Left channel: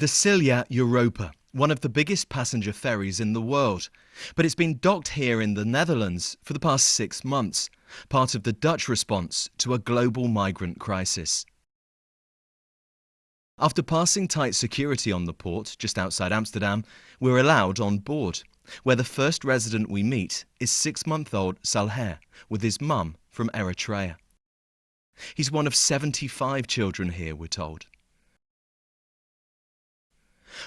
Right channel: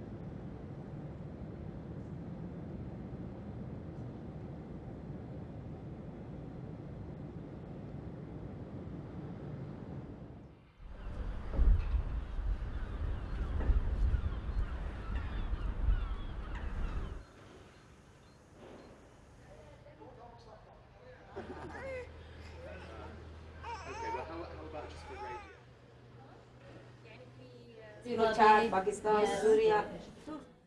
The Syria Europa, one of the biggest passenger ferries in the world, but it's been docked here in the Netherlands for the past 6 months, part of the Dutch response to a global migrant crisis. After passing tight security on the port just outside Amsterdam, we're allowed on board, where the first resident we meet is 6-month-old Salher with his mum from Eritrea. He's one of 75 children here, we're told.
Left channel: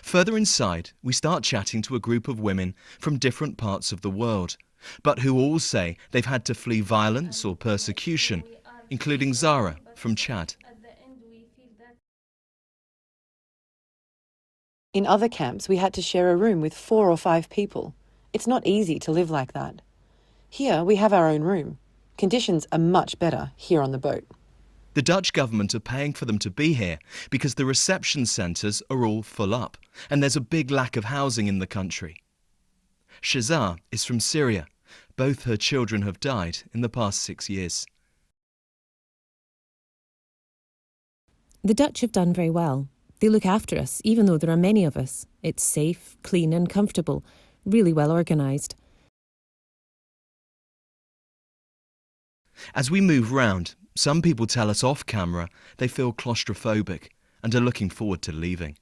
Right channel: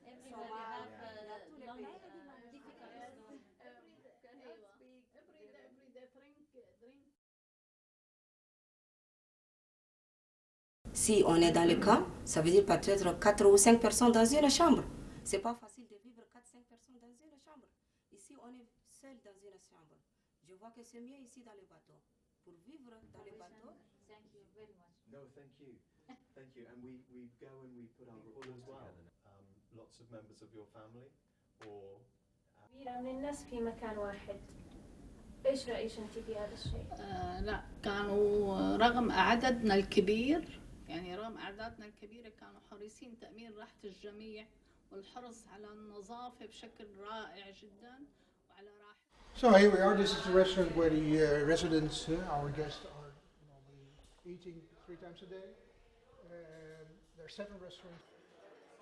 Further inside, we start chatting to a group of women from different parts of the world, but who all say they've had to flee violence or persecution, including Zara from Chad. In other camps, we had to share a room with 4 or 5 people. It's not easy to live like that. Here, we have our own room. Conditions are much better here on the boat. The Dutch government are paying for them to be here because the reception centres are all full up and there's a big lack of housing in the country. Shazar is from Syria. Both her children have died in the past 6 years. The Dutch have done very well. They look after us, even though there are many of us. It's safe, clean and comfortable, really well organised. So here we are, this is the restaurant where the residents, our guests... As we move round, some people tell us off camera they feel claustrophobic and are looking forward to leaving.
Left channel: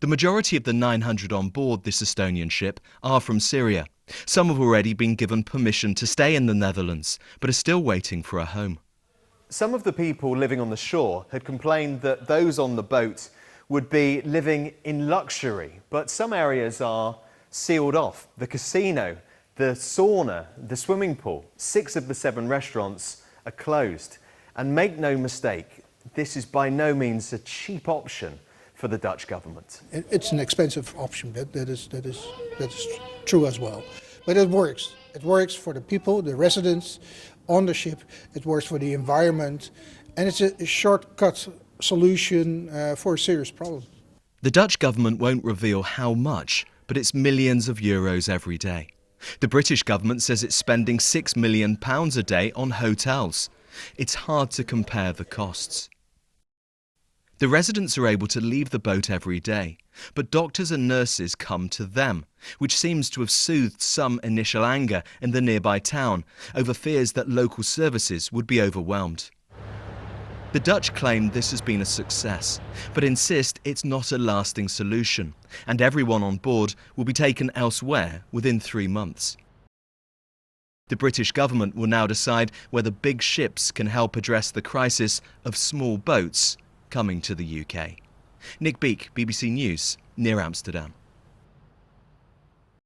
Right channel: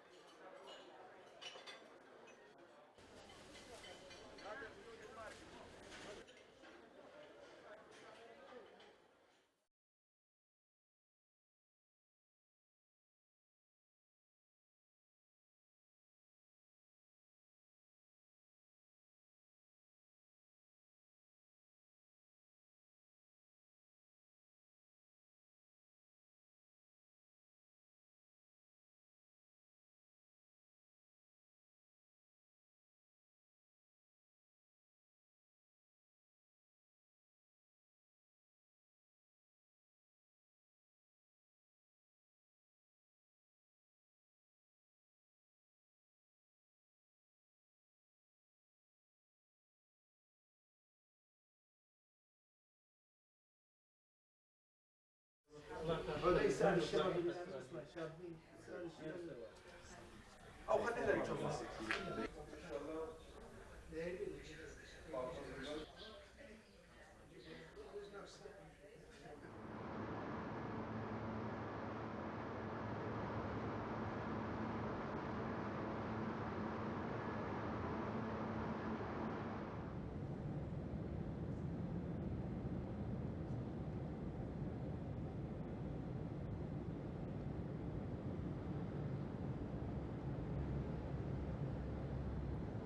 The majority of the 900 on board this Estonian ship are from Syria. Some have already been given permission to stay in the Netherlands, but are still waiting for a home. Some of the people living on the shore had complained that those on the boat would be living in luxury, but some areas are sealed off. The casino, the sauna, the swimming pool, 6 of the 7 restaurants are closed. And make no mistake, this is by no means a cheap option for the Dutch government. It's an expensive option, that is true as well. But it works. It works for the people, the residents on the ship, it works for the environment, and it's a shortcut solution for a serious problem. The Dutch government won't reveal how much, but it's millions of euros every day. The British government says it's spending £6 million a day on hotels. It's hard to compare the costs. The residents are able to leave the boat every day, but doctors and nurses come to them, which seems to have soothed some initial anger in the nearby town over fears that local services would be overwhelmed. The Dutch claim this has been a success, but insist it's not a lasting solution, and everyone on board will be taken elsewhere within 3 months. The British government will now decide whether big ships can help address the crisis of small boats coming to the UK. Nick Beake, BBC News, near Amsterdam.